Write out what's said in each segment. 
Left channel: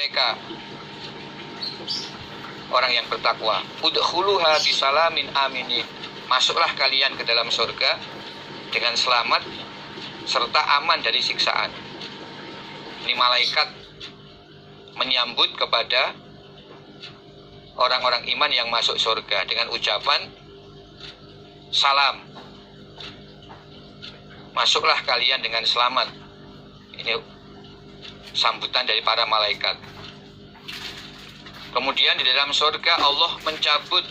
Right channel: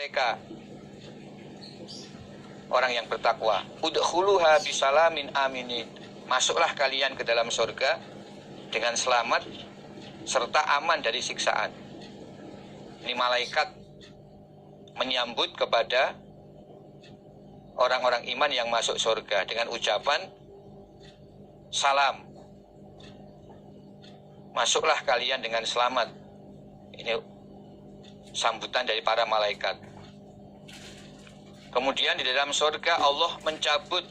mereka orang yang bertakwa, udkhuluha bisalamin aminin, masuklah kalian ke dalam surga dengan selamat serta aman dari siksaan. Ini malaikat menyambut kepada orang-orang iman yang masuk surga dengan ucapan salam, masuklah kalian dengan selamat. Ini sambutan dari para malaikat. Kemudian di dalam surga Allah mencabut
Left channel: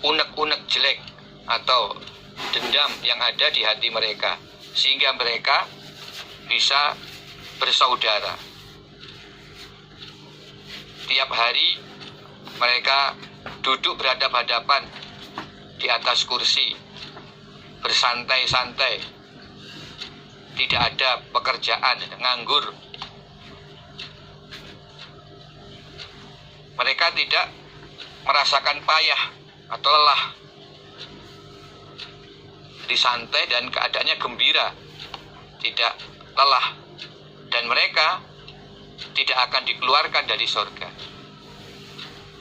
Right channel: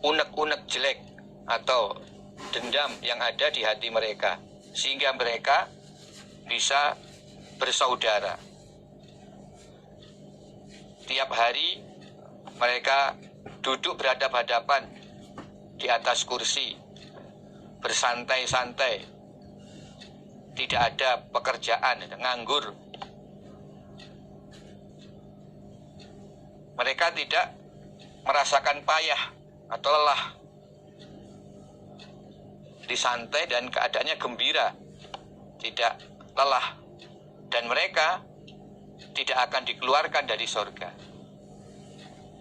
unek-unek jelek atau dendam yang ada di hati mereka, sehingga mereka bisa bersaudara. Tiap hari mereka duduk berhadap-hadapan di atas kursi, bersantai-santai, tidak ada pekerjaan, nganggur. Mereka tidak merasakan payah atau lelah, disantai dan keadaannya gembira, tidak lelah, dan mereka tidak akan dikeluarkan dari surga.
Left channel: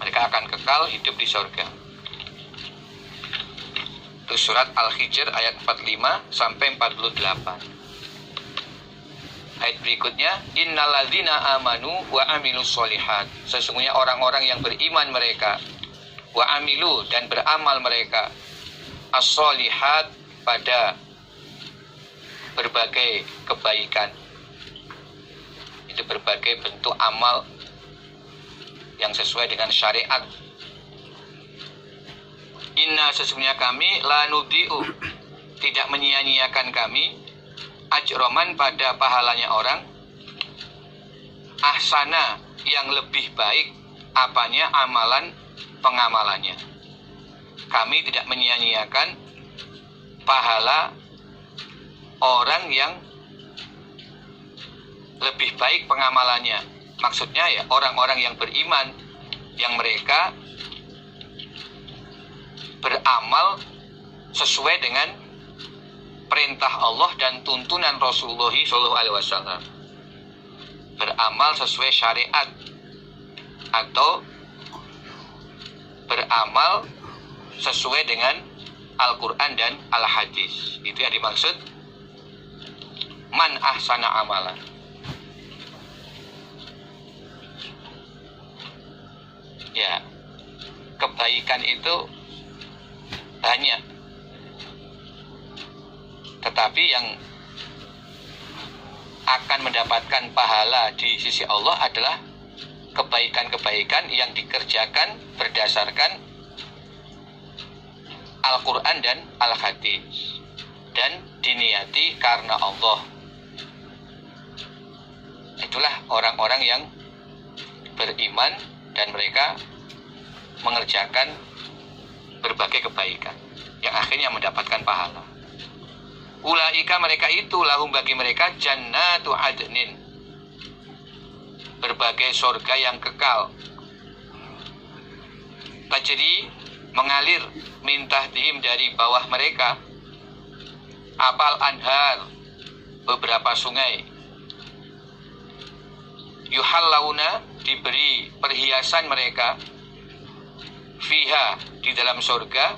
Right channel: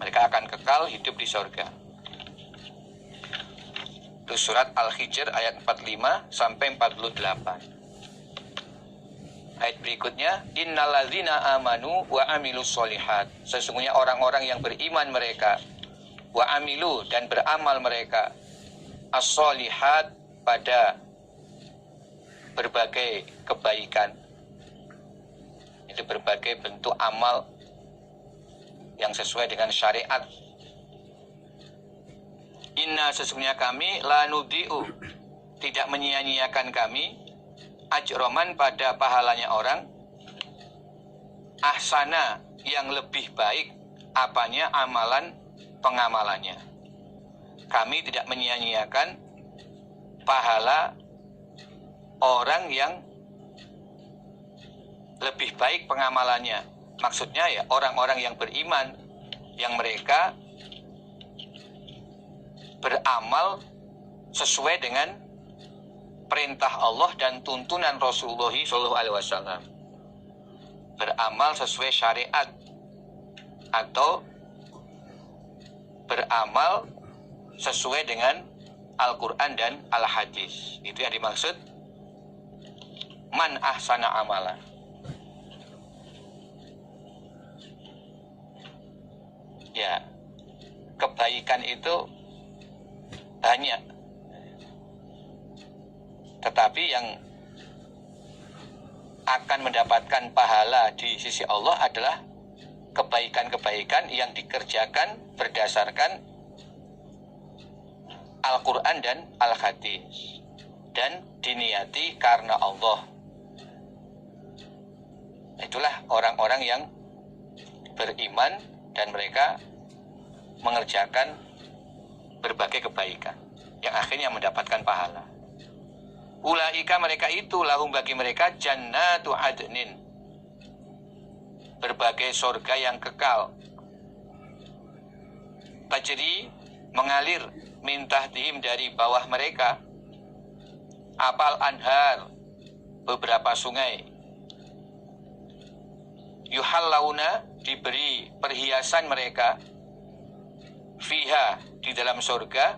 Mereka akan kekal hidup di surga. Itu surat Al-Hijr ayat 45 sampai 48. Ayat berikutnya, innalladzina amanu wa amilus solihat. Sesungguhnya orang-orang yang beriman mereka, wa amilu dan beramal mereka, as-solihat pada berbagai kebaikan. Itu berbagai bentuk amal yang sesuai dengan syariat. Inna sesungguhnya kami la nudhi'u, tidak menyia-nyiakan kami, ajroman pada pahalanya orang, ahsana yang lebih baik apanya amalan pengamalannya. Kami tidak menyia-nyiakan pahala orang yang lebih baik pengamalannya. Maksudnya ya orang-orang yang beriman, yang mereka beramal sesuai dengan perintah Allah dan tuntunan Rasulullah SAW, beramal sesuai syariat atau beramal sesuai dengan Al-Quran dan Al-Hadis. Itu yang dimaksud man ahsana amalan. Ya, kebaikan itu banyak, tetapi yang akan mendapatkan pahala di sisi Allah adalah kebaikan-kebaikan yang dikerjakan berdasarkan Al-Quran dan Al-Hadis dan diniati karena Allah. Itulah orang-orang yang beriman dan mereka mengerjakan berbagai kebaikan yang akhirnya mendapatkan pahala. Ulaika mereka itu lahum bagi mereka jannatu adnin, berbagai surga yang kekal, tajri mengalir min tahtihim dari bawah mereka apal anhar beberapa sungai, yuhallawna diberi perhiasan mereka, fiha di dalam surga,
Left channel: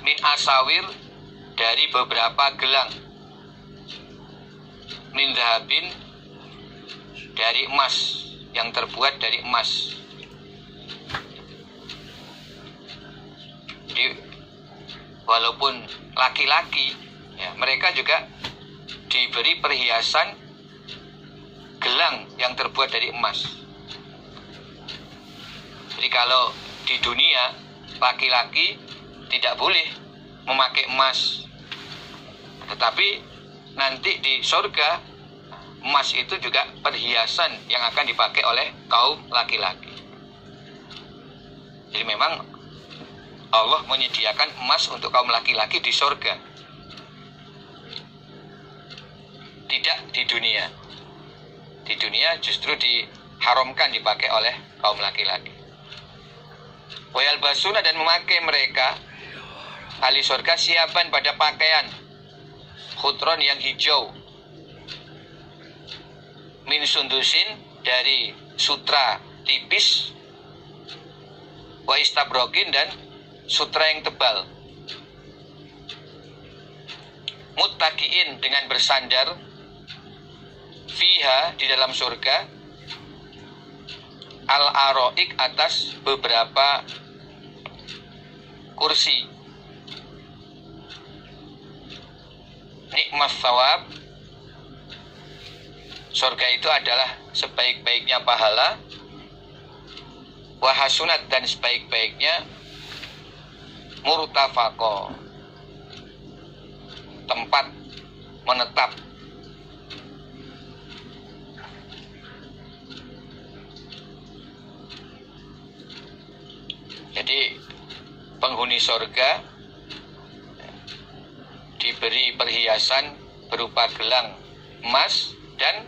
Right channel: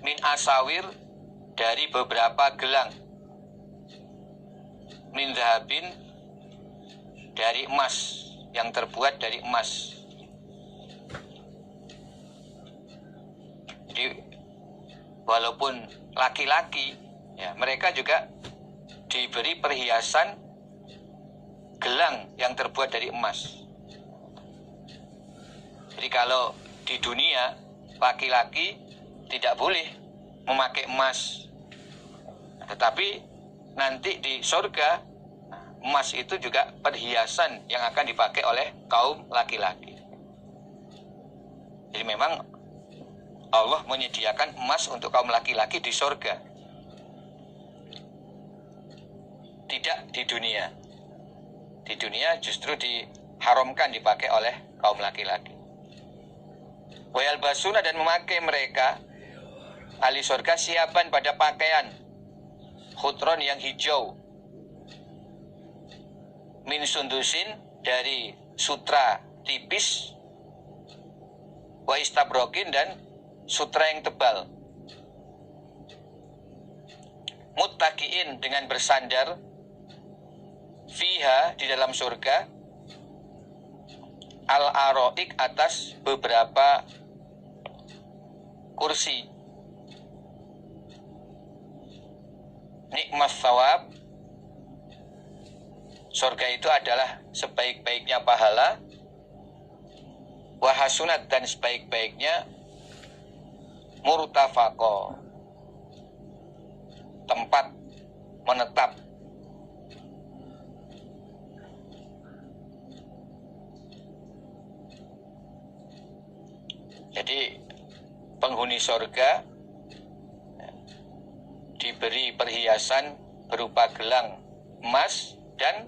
min asawir dari beberapa gelang, min dhahabin dari emas, yang terbuat dari emas. Jadi walaupun laki-laki ya, mereka juga diberi perhiasan gelang yang terbuat dari emas. Jadi kalau di dunia laki-laki tidak boleh memakai emas, tetapi nanti di surga emas itu juga perhiasan yang akan dipakai oleh kaum laki-laki. Jadi memang Allah menyediakan emas untuk kaum laki-laki di surga, tidak di dunia. Di dunia justru diharamkan dipakai oleh kaum laki-laki. Wayal basuna dan memakai mereka ahli surga siapan pada pakaian khutron yang hijau, min sundusin, dari sutra tipis, wa istabrokin, dan sutra yang tebal, muttaqiin, dengan bersandar, fiha, di dalam surga, al-aroik, atas beberapa kursi. Nikmat thawab, surga itu adalah sebaik-baiknya pahala, wahasunat, dan sebaik-baiknya murtafaqo, tempat menetap. Jadi penghuni surga diberi perhiasan berupa gelang emas dan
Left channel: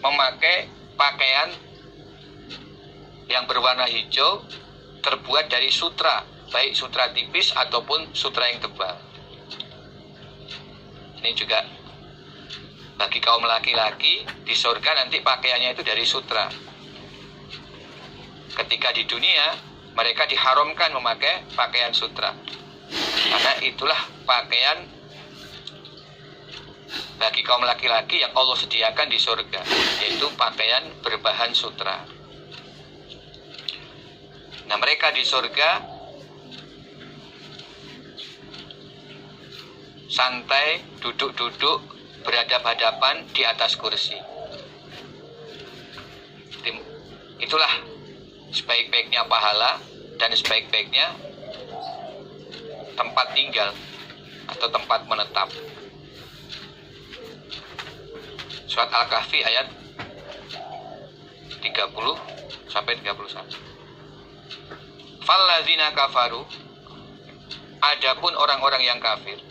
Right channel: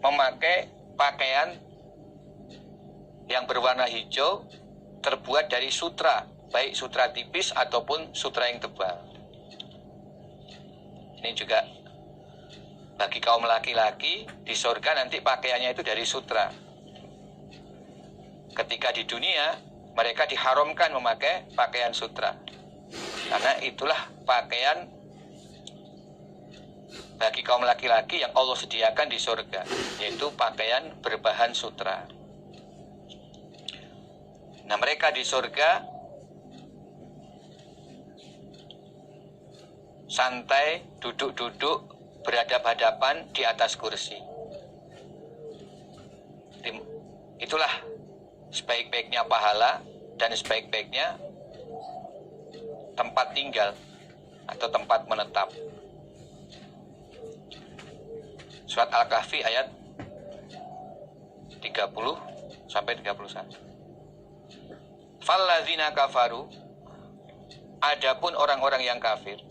memakai pakaian yang berwarna hijau terbuat dari sutra, baik sutra tipis ataupun sutra yang tebal. Ini juga bagi kaum laki-laki di surga nanti pakaiannya itu dari sutra. Ketika di dunia mereka diharamkan memakai pakaian sutra, karena itulah pakaian bagi kaum laki-laki yang Allah sediakan di surga, yaitu pakaian berbahan sutra. Nah, mereka di surga santai, duduk-duduk, berhadap-hadapan di atas kursi. Itulah sebaik-baiknya pahala dan sebaik-baiknya tempat tinggal atau tempat menetap. Surat Al-Kahfi ayat 30 sampai 31. Fallazina kafaru, adapun orang-orang yang kafir,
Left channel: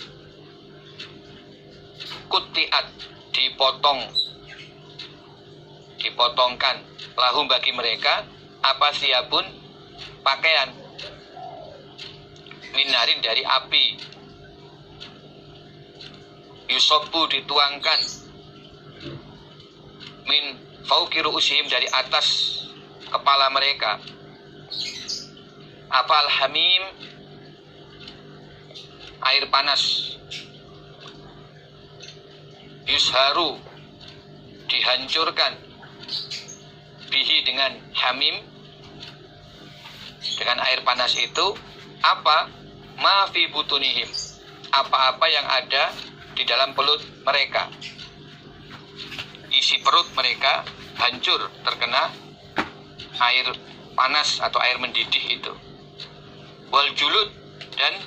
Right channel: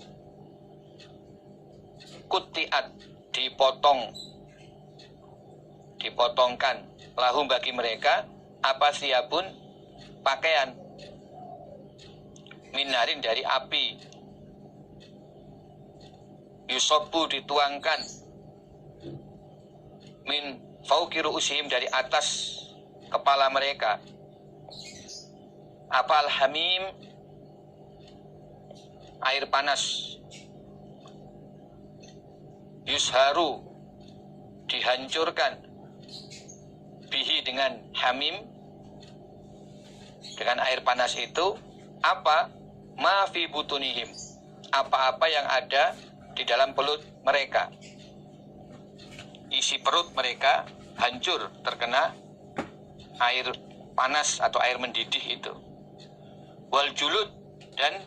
kutiat, dipotongkan, lahum, bagi mereka, apa siapun, pakaian, minarin, dari api, yusobu, dituangkan, min fauqi ru'usihim, dari atas kepala mereka, apa, al-hamim, air panas, yusharu, dihancurkan, bihi, dengan hamim, dengan air panas itu, apa, ma fi butunihim, apa-apa yang ada di dalam perut mereka. Isi perut mereka hancur terkena air panas atau air mendidih itu. Wal julud, dan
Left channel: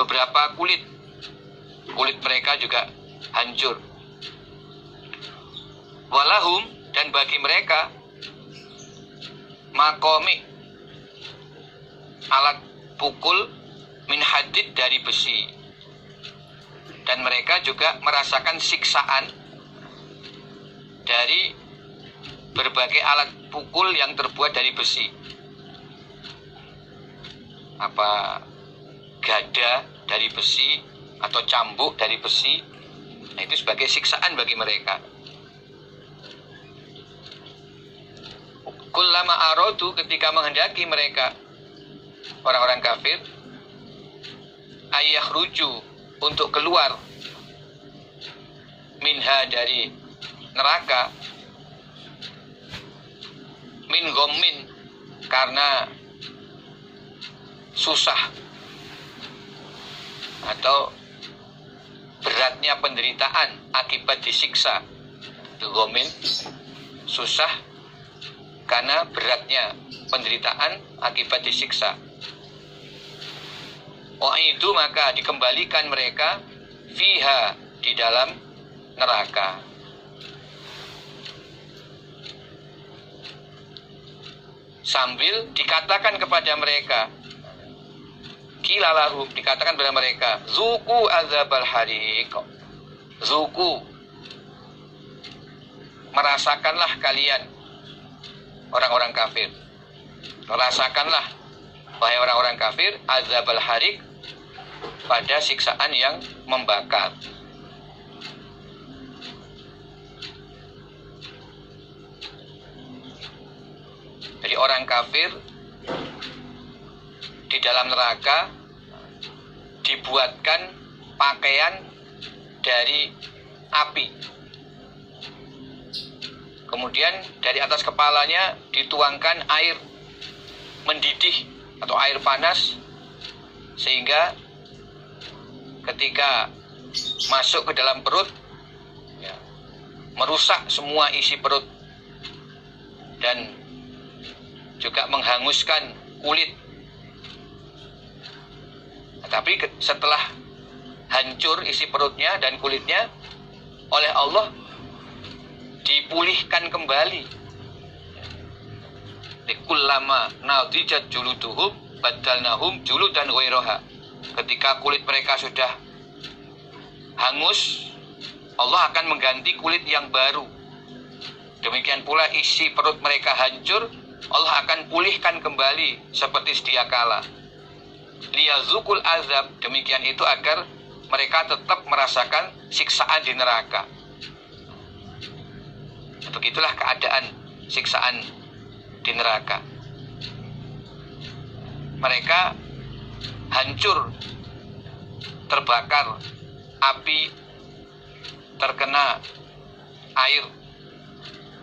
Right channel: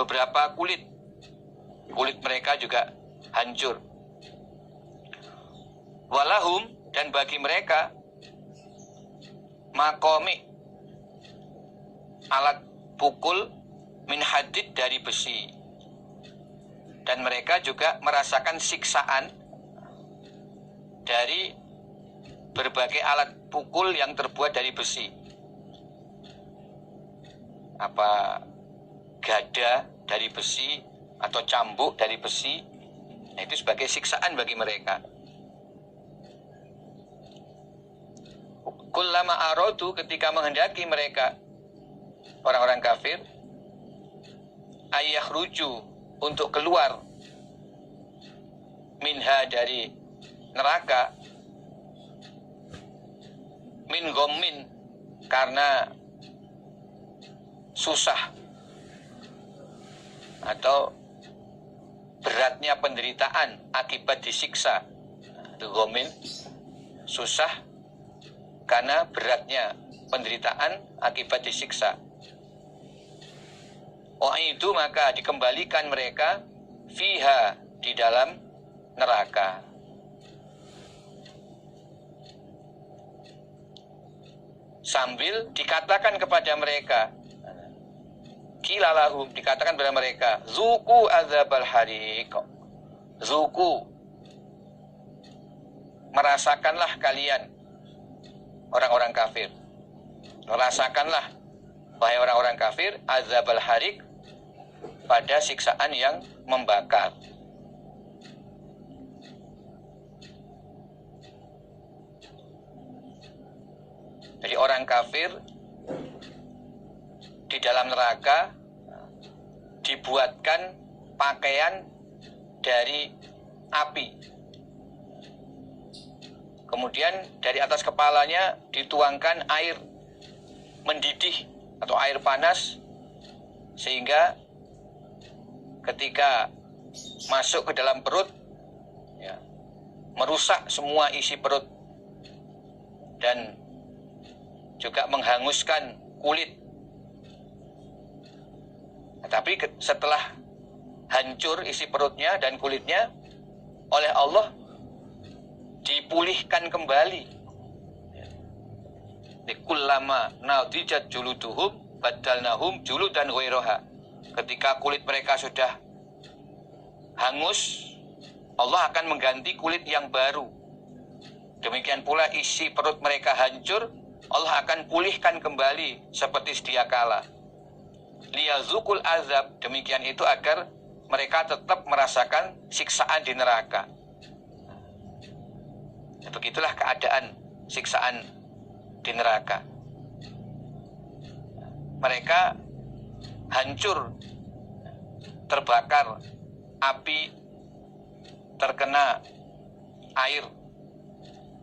beberapa kulit mereka juga hancur. Walahum, dan bagi mereka, makomi, alat pukul, min hadid, dari besi. Dan mereka juga merasakan siksaan dari berbagai alat pukul yang terbuat dari besi. Apa, gada dari besi atau cambuk dari besi. Nah, itu sebagai siksaan bagi mereka. Kullama aradu, ketika menghendaki mereka, orang-orang kafir, ayakhruju, untuk keluar, minha, dari neraka, min gommin, karena susah atau beratnya penderitaan akibat disiksa. Gommin, susah karena beratnya penderitaan akibat disiksa. Itu maka dikembalikan mereka, fiha, di dalam neraka. Sambil dikatakan kepada mereka, kilalarum, dikatakan kepada mereka, zuku azabal hariq, zuku, merasakanlah kalian, orang-orang kafir, merasakanlah, wahai orang-orang kafir, azabal hariq, pada siksaan yang membakar. orang kafir di dalam neraka dibuatkan pakaian dari api. Kemudian dari atas kepalanya dituangkan air mendidih atau air panas, sehingga ketika masuk ke dalam perut ya, merusak semua isi perut dan juga menghanguskan kulit. Tapi setelah hancur isi perutnya dan kulitnya, oleh Allah dipulihkan kembali. Kullama nadijat juluduhum badalnahum juludan ghairaha. Ketika kulit mereka sudah hangus, Allah akan mengganti kulit yang baru. Demikian pula isi perut mereka hancur, Allah akan pulihkan kembali seperti sedia kala. Liyazukul azab, demikian itu agar mereka tetap merasakan siksaan di neraka. Begitulah keadaan siksaan di neraka. Mereka hancur, terbakar, api terkena air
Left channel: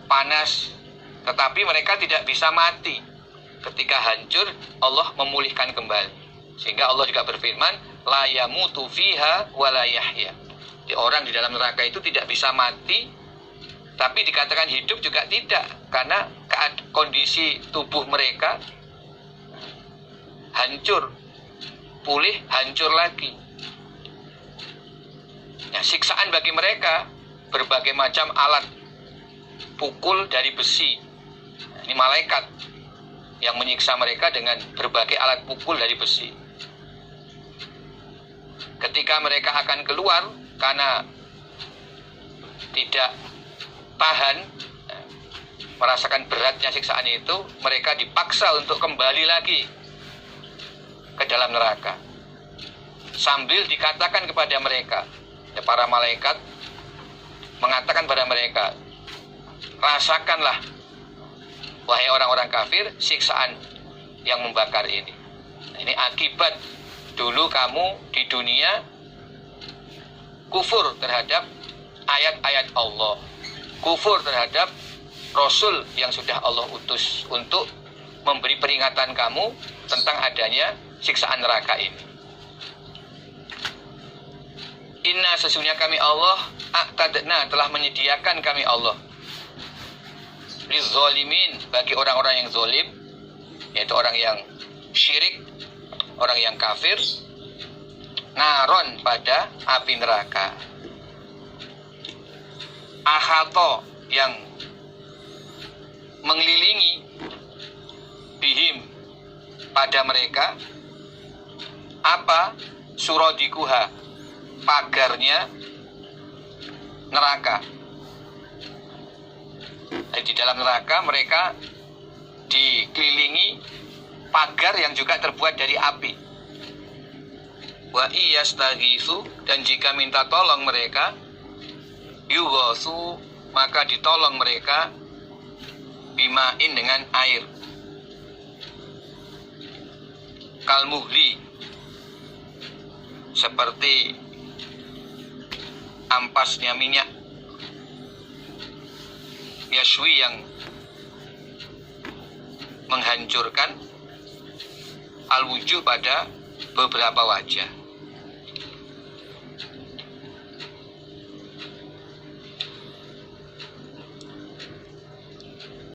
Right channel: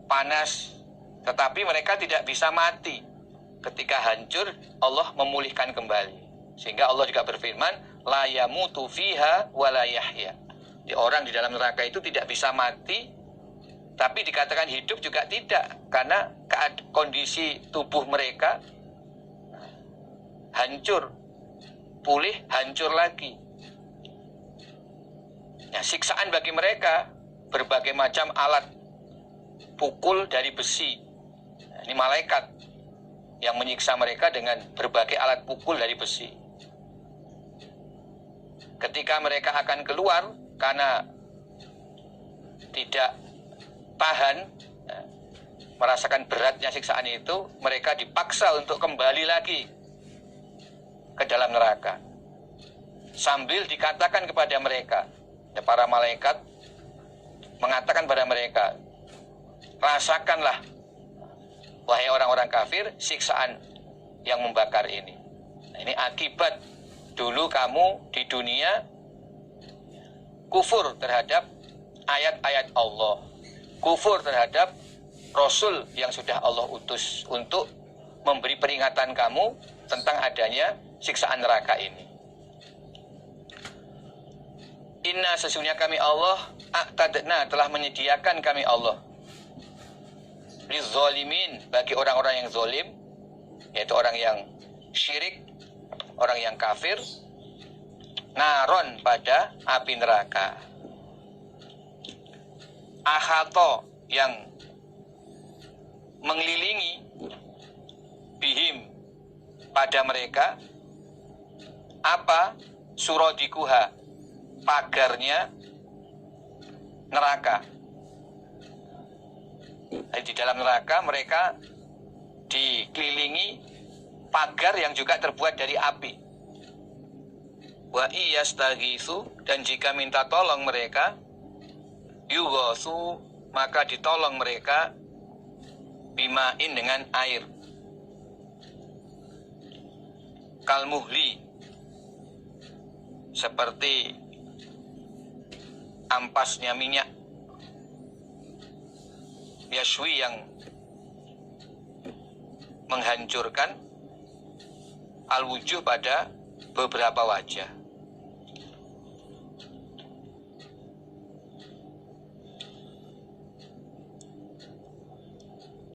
panas, tetapi mereka tidak bisa mati. Ketika hancur, Allah memulihkan kembali. Sehingga Allah juga berfirman, la yamutu fiha wa la yahya. Orang di dalam neraka itu tidak bisa mati, tapi dikatakan hidup juga tidak, karena kondisi tubuh mereka hancur, pulih, hancur lagi. Nah, siksaan bagi mereka berbagai macam alat pukul dari besi. Ini malaikat yang menyiksa mereka dengan berbagai alat pukul dari besi. Ketika mereka akan keluar karena tidak tahan merasakan beratnya siksaan itu, mereka dipaksa untuk kembali lagi ke dalam neraka. Sambil dikatakan kepada mereka, ya, para malaikat mengatakan pada mereka, rasakanlah wahai orang-orang kafir siksaan yang membakar ini. Ini akibat dulu kamu di dunia kufur terhadap ayat-ayat Allah, kufur terhadap Rasul yang sudah Allah utus untuk memberi peringatan kamu tentang adanya siksaan neraka ini. Inna, sesungguhnya kami Allah, a'tadna, telah menyediakan kami Allah, lizzalimin, bagi orang-orang yang zalim, yaitu orang yang syirik, orang yang kafir, naron, pada api neraka. Ahato, yang mengelilingi, bihim, pada mereka, apa? Surodikuha, pagarnya neraka. Di dalam neraka mereka dikelilingi pagar yang juga terbuat dari api. Wa iyastaghisu, dan jika minta tolong mereka, yughasu, maka ditolong mereka, bimain, dengan air, kalmuhli, seperti ampasnya minyak, yashwi, yang menghancurkan, al-wujuh, pada beberapa wajah.